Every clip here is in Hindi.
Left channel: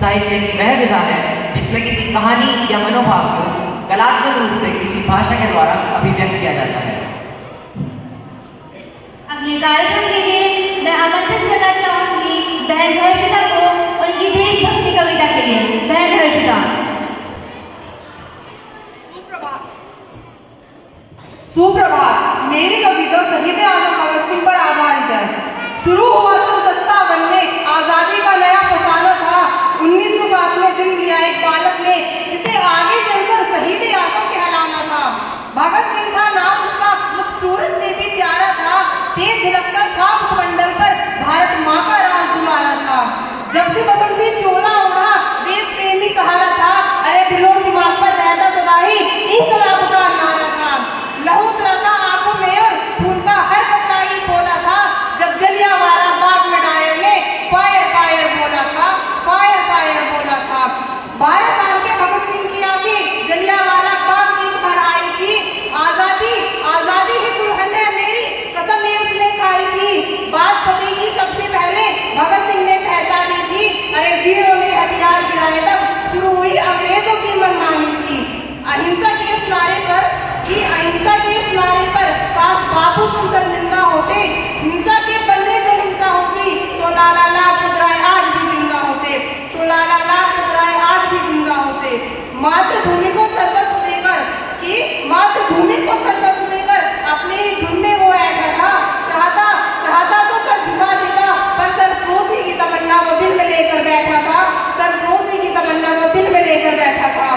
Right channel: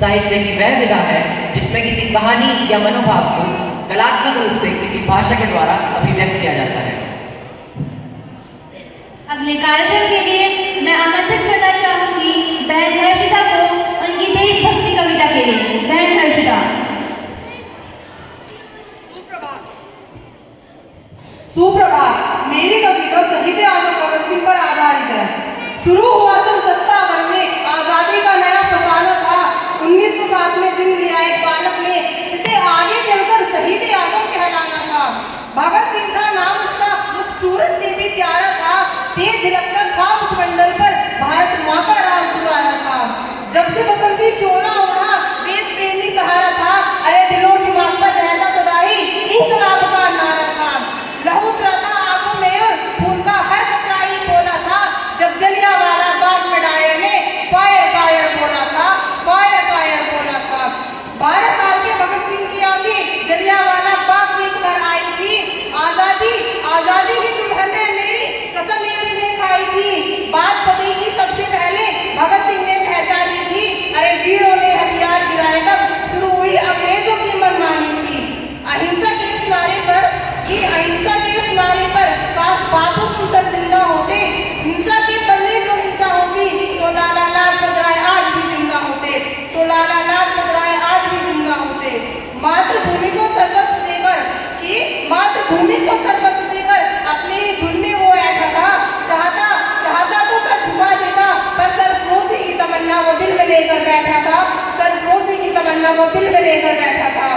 साहित्य की वह विधा है जिसमें किसी कहानी या मनोभाव को कलात्मक रूप से किसी भाषा के द्वारा अभिव्यक्त किया जाता है। अगले कार्यक्रम के लिए मैं आमंत्रित करना चाहूंगी बहन हर्षिता को उनकी देशभक्ति कविता के लिए। बहन हर्षिता। सुप्रभात। मेरी कविता शहीद आजम भगत सिंह पर आधारित है। शुरू हुआ सन 57 में आजादी का नया फसाना था। 1907 में जन्म लिया एक बालक ने जिसे आगे चलकर शहीद आजम कहलाना था। भगत सिंह था नाम उसका, मुख सूरत से भी प्यारा था। तेज झलकता था मुखमंडल पर भारत माँ का राज दुलारा था। जब से बसंती चोला ओढ़ा देश प्रेमी सहारा था। अरे दिलों दिमाग पर रहता सदा ही इंकलाब का नारा था। लहू उतरा था आंखों में और खून का हर कतरा ही खोला था। जब जलियांवाला बाग में डायर ने फायर फायर बोला था, फायर फायर बोला था। 12 साल के भगत सिंह की आंखें जलियांवाला बाग देख कर आई थी। आजादी आजादी की दुल्हन है मेरी कसम ये उसने खाई थी। बात फतेह की सबसे पहले भगत सिंह ने पहचानी थी। अरे वीरों ने हथियार गिराए तब शुरू हुई अंग्रेजों की मनमानी थी। अहिंसा के उस नारे पर काश बापू तुम शर्मिंदा होते। हिंसा के बल्ले जो हिंसा होती तो लाला लाजपत राय आज भी जिंदा होते, तो लाला लाजपत राय आज भी जिंदा होते। मातृभूमि को सर्वस्व देकर अपने ही धुन में वो बैठा था। चाहता तो सर झुका देता पर सरफरोशी की तमन्ना वो दिल में लेकर बैठा था। सरफरोशी की तमन्ना वो दिल में लेकर बैठा था।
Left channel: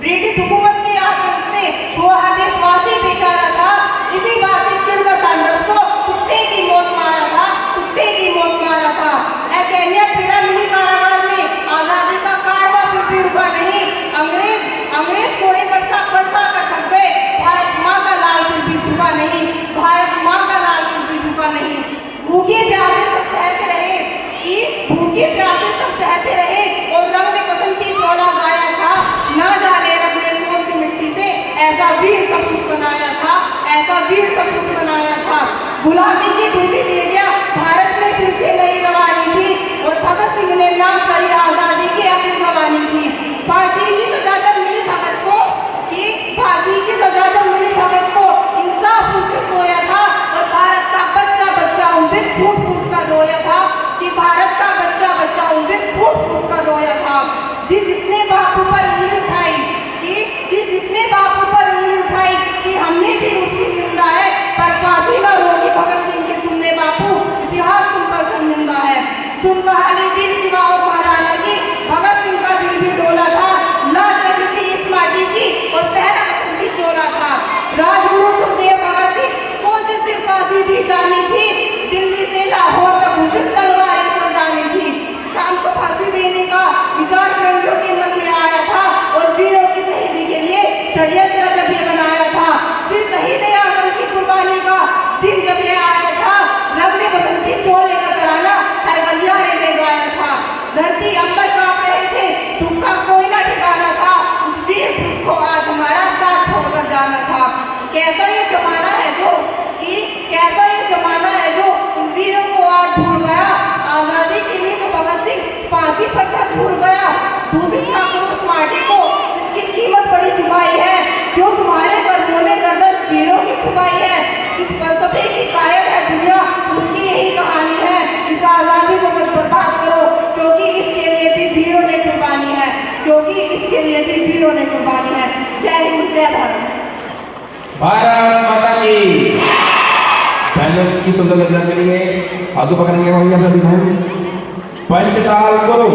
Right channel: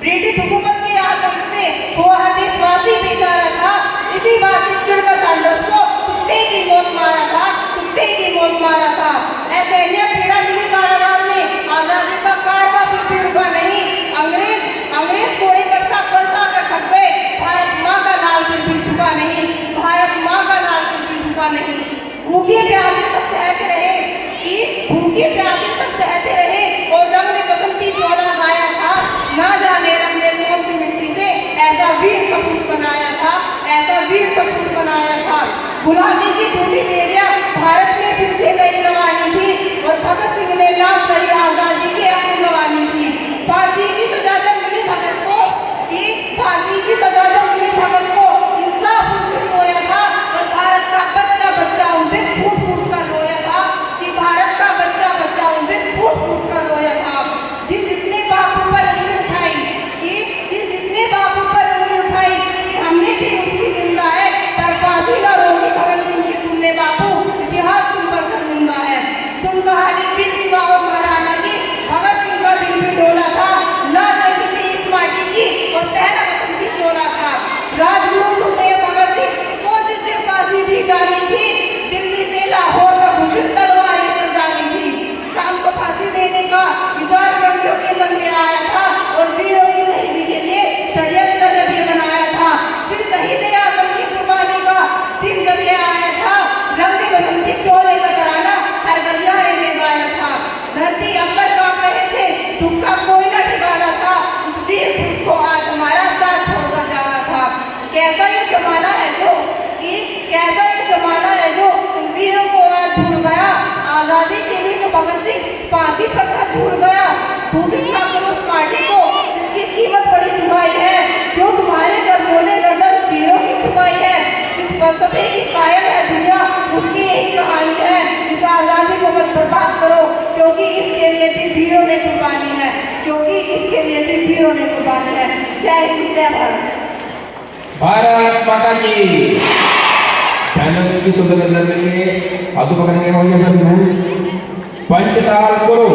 ब्रिटिश हुकूमत के आतंक से हुआ हर देशवासी बेचारा था। इसी बात से चिढ़कर सैंडर्स को कुत्ते की मौत मारा था, कुत्ते की मौत मारा था। ऐसे अन्य पीड़ा मिली कारागार में आजादी का कारवां फिर भी रुका नहीं। अंग्रेज घोड़े पर सा कर थक गए। भारत माँ का लाल फिर भी झुका नहीं, भारत माँ का लाल फिर भी झुका नहीं। भूखे प्यासे सब सहते रहे और रंग ने बसंती चोला गाया था। ना जाने रब ने कौन सी मिट्टी से ऐसा वीर सपूत बनाया था, ऐसा वीर सपूत बनाया था। गुलामी की टूटी बेड़ियां भारत में फिर से नई रवानी थी और भगत सिंह ने नाम करी आजादी की अपनी जवानी थी। फांसी की सजा जब मिली भगत को इंसाफ उस दिन सोया था और भारत का बच्चा उस दिन फूट फूट कर रोया था। कि भारत का बच्चा उस दिन फूट फूट कर रोया था। जिसने बापू पर उंगली उठाई कि हमने भी उसकी जिंदा है पर फांसी ना रोकी भगत सिंह की तुमने बापू, इतिहास तुम पर शर्मिंदा है। सुन कहानी वीर शिवा और महाराणा की, भगत सिंह का दिल भी डोला था। लाज रखी थी इस माटी की और पहला बसंती चोला था। राजगुरु सुखदेव भगत सिंह को जिस दिन फांसी दी जानी थी, दिल्ली से लाहौर तक उस दिन तलवारें चल जानी थी। शाम को फांसी देने का विचार फिरंगियों के मन में आया था और वीरों की शहीदी के लिए षड्यंत्र जब ये बनाया था। फिर शहीद आजम की कुर्बानी का दिन जब ये आया था, रंग ने बसंती चोले का तराना हर गलियारे ने गाया था। धरती अंबर कांप रहे थे, धूप का कोई ना ठिकाना था। उस वीर पुरुष को आज हमारा साथ छोड़कर जाना था। कैसा ये जमाना है जो उन वीरों को आज भूल गया। आजादी के लिए जो भगत सिंह फांसी पर था झूल गया। दूसरी ताकत उस माटी को जिसकी कीमत बड़ी चुकाई है। क्यों तुम्हारे कर्मों ने गर्दन वीरों की चुकाई है। जिस फलसफे की कायल है दुनिया उसकी यही कहानी है। इस आजादी को मत बर्बाद करो क्योंकि इसके लिए भी वीरों ने कुर्बानी है, जय हिंद जय भारत। भारत माता की की सुंदर के लिए आगे पकड़ने के लिए सभी पंचताल करो।